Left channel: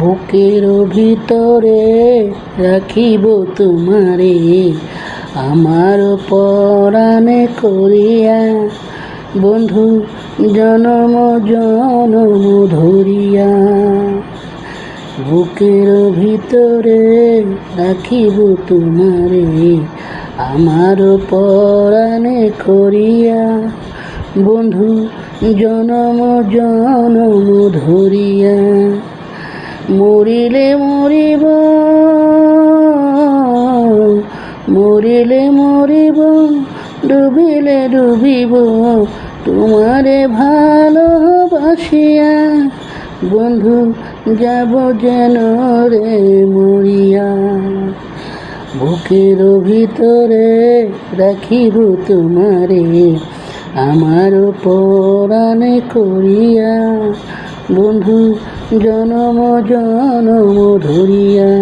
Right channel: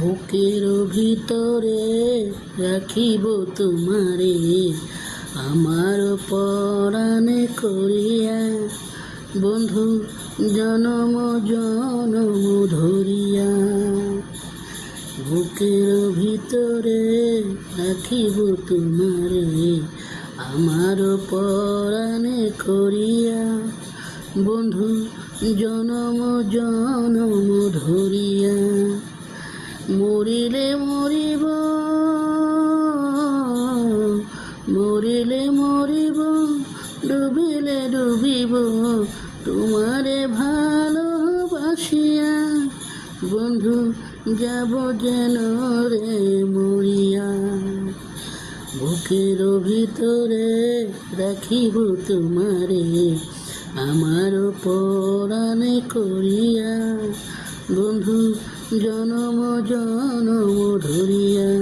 বুকের ভিতরে রাখিব তোমারে, আমার পরাণে করিয়া, বন্ধু জনম জনম ধরিয়া। বুকের ভিতরে রাখিব তোমারে, আমার পরাণে করিয়া, বন্ধু জনম জনম ধরিয়া। মরিলে মরিব, মরিলে মরিব, ডুবিলে ডুবিব, তোমারে ভালোবাসিয়া, বন্ধু যাব যেন রে মরিয়া। বুকের ভিতরে রাখিব তোমারে, আমার পরাণে করিয়া, বন্ধু জনম জনম ধরিয়া।